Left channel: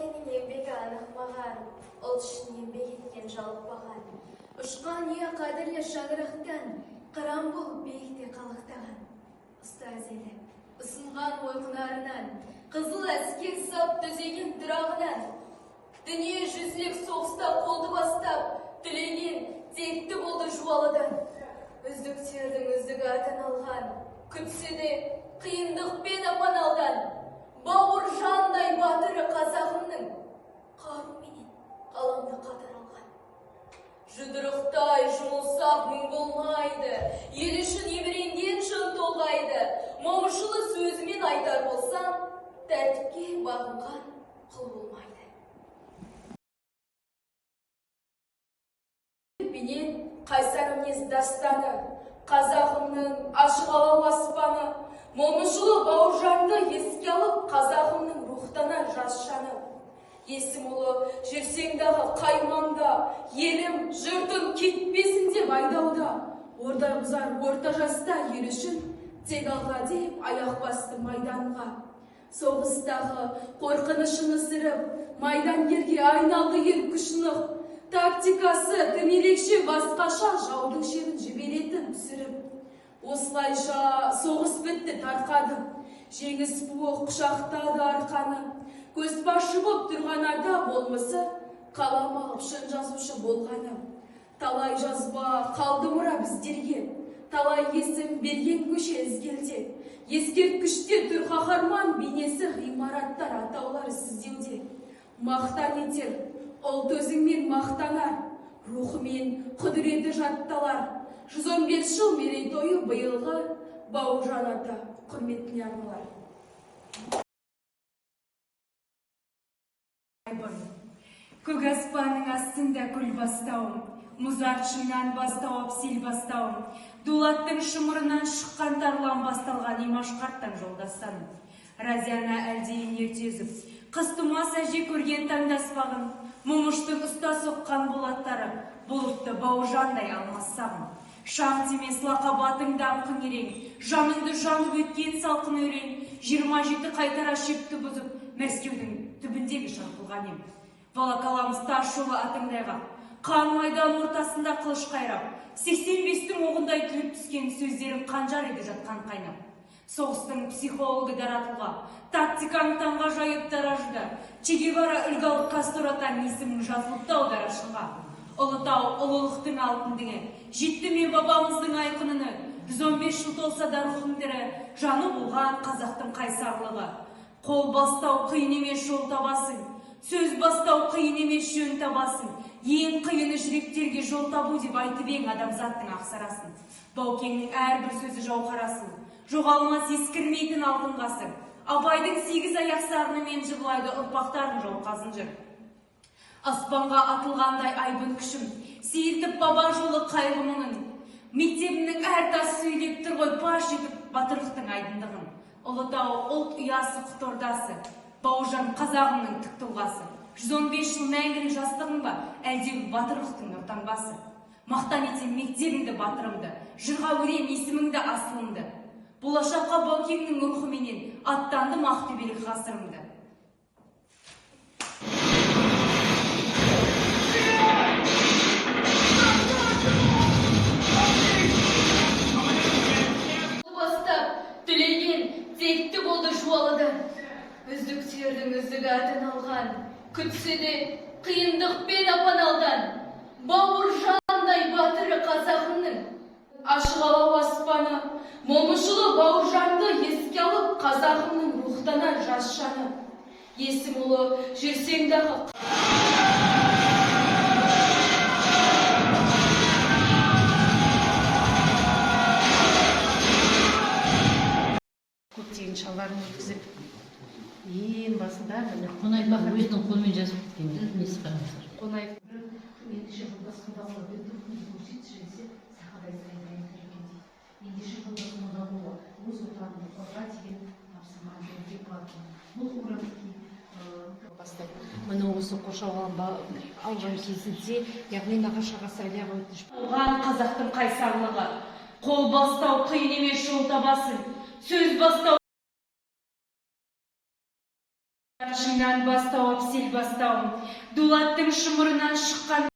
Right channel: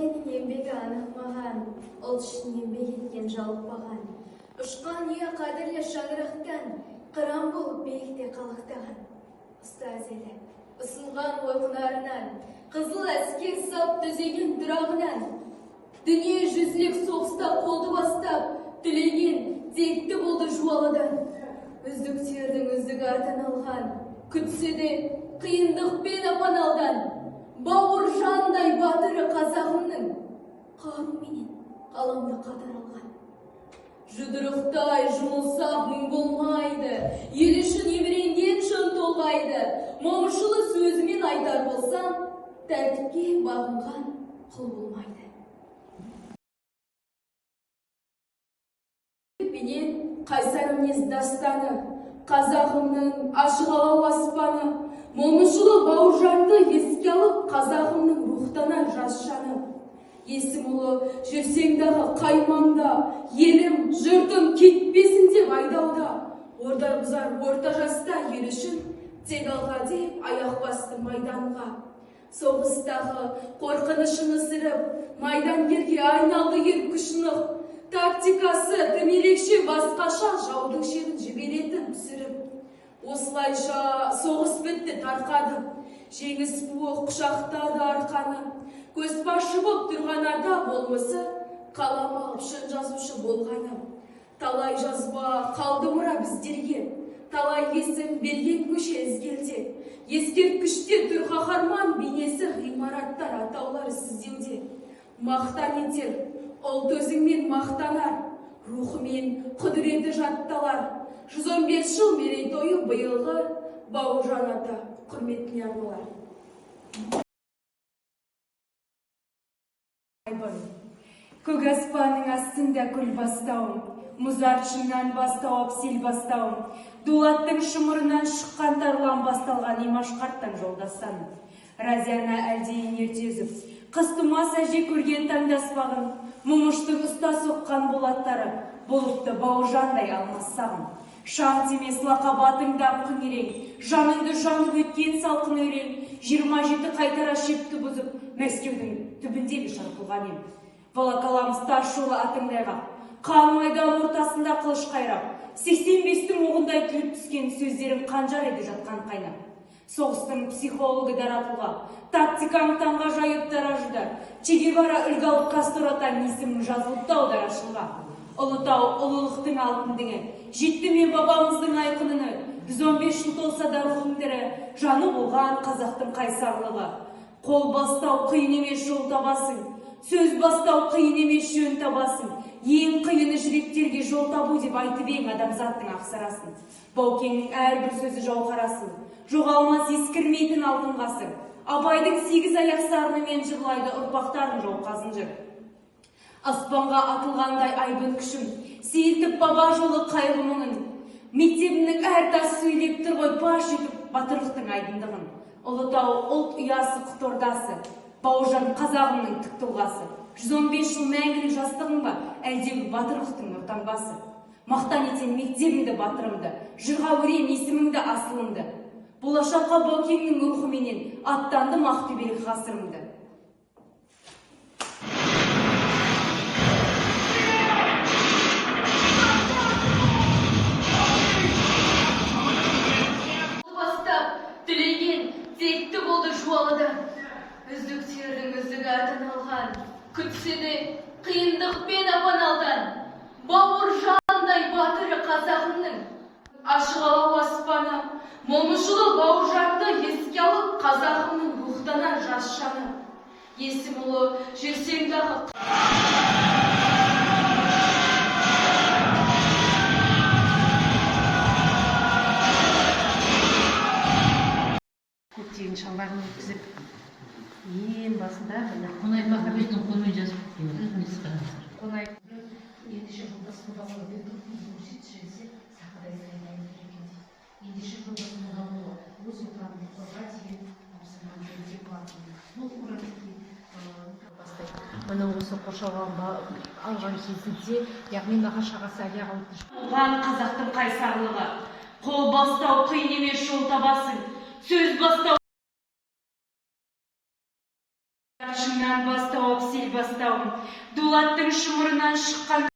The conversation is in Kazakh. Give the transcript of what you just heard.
баукенің еңбегі анықмаған, ол үшін еңбек еткен жалықпаған. Ұшқан ең қадірлі шаңырақтан, қыран болып биікте қалықтаған. Ұстаз елі, ұсынған ойқынарынан, қызыл әскер сап түзеген дырағынан, дүние жүзілік соғыста қолды бастап, тілеген текті болды жуалыдан. Үздіктердің үздік артын алған, күтсе де қиындықпен апаналдан, бауыр жандай батыры қазағымның, қаруменен қаламды қатар алған. Жұдырықтай жұмылсақ мұң болмайды, ел үшін еміренген жан толғайды. Момышұлы сөзімен айтар болсам, тәртіпке бағынған құл болмайды. Менен қайсар мінез дастаны, қазағымның ашық алау аспаны, Момышұлы Бауыржанды еске алып, қазағымның рухтанар жас жаны. Есім ұлы жүрсеңдағы қаймаңда, елім, жұртым кетпесін деп айдауда. Орда бұзар орта жаста ел үшін, тек алға деп аяқ басты майданға. Соғыстағы қорқынышын ысырып, майдангерге айналды ел күшініп. Тактикасы тым ерекше басқаша, жаудың шерін жіберетін түсіріп. Осылайша соғыс бітті тарқады, жеңіс буы құшақтады арқаны. Көзбасшы боп тұрған ата болмысы, қалам алып шын жазушы болғаны. Талай жазба қалды мұра біздерге, талай есім берген көше ізгелде. Ескерткіште тұр қаһарман бейнесі, ғимараттар атаулары сіздеуде. Мақтан етер, ұлт өзіңмен мақтанар, рухымен құдіреті жатталар. 115 жыл мерейтойы биылғы Бауыржан ата құрметіне арналар. Көк аспанның астында күл бастауым, мұзарт шыңнан бастауып сел бастауым, дулаттың шымырынан шыққан тарлан басталған имаш қарттан жолдастаным. Разияна әлдейін ертезіп, қыс тумас әже көрген таңдаспағым, Момыштың ұста соққан болаттары, болыпты Бауыржандай алмас сағым. Шаң темес лақабатыңда күн ерен, жаныңды жанып өткен салқын өрен, 27 қайтара шепті бұзып, Мәскеудің түбіндегі шарпылған ем. Волокаламыз тас жолы атыңдайға, қан майдан ортасында қылыш қайрап, 85-тің оғындай түліп түскен сөздерім қанжар еді жатқан қайнап. Соғыстың психологы даратуға, тактикаң таңға жайып таражыда, Че Гевара үлгалық Кастуратан есімің жазылыпты аударашылға. Ұлытау ұлылықтың алтын діңі, жетті мен бабамыздың айқыныны, 115 жыл толса да рухың тірі, жаны болған қазақтың қайсарлығы. Қол бастау қиын емес жол табасың, сөз бастау қиын емес жөн табасың. Ең қиыны жүректерге жол табу деп айтып ең адамзаттың ақсарасын. Баукеңнің әрбір сөзі жауһарасын, жоғалмас ескірмейтін алтын ғасыр. Абайдың 8 аяқ сарынымен жырлайды ұрпақтарын жауқазын жыр. Аспанға атылғандай айбын күшім, сейілтіп баба жолы қайғы мұңын. Мектебімнің әр тас сөйлеп тұр ғой паш етіп батырлықтың айдындығын. Ұлытау ұлт ұясы құтордасы, Бауыржан қазағымның тік тұлғасы. 115 жыл мәңгілік жастығың ба, әлдегі батырлықтың нұртаңбасы. Мақтан етсем мектебіңді батырымды, жырға өрем есіміңді асылыңды. Болашаққа Баукеңнің рухыменен аттанды мақтөбелік ғасырымды. Текті болды жуалыдан, үздіктердің үздік артын алған, күтсе де қиындықпен апаналдан. Бауыржандай батыры қазағымның, ашық алау аспаны, Момышұлы Бауыржанды еске алып, қазағымның рухтанар жас жаны. Есім ұлы жүрсеңдағы көптеген шалбарын өткізіп, ең басында Қонайдың өзінің қолымен жазып несі қараңыздар. Қонай ендеше жылдасың басылы бердің көрсетші сақадай сайын екен. Ендеше жылдасың ғалуы өз отанын қорғай деген тапсырманы беруге болады. Бұл уровеньге бастайды. Мына осы қоршауға алған кезінде, яғни нағашы ағасы Әлияға өтініш. Оған қазақтың қайсарлығы, қол бастау қиын емес жол табасың, сөз бастау музарт шыңнан бастауып сел бастауым, дулаттың шымырынан шыққан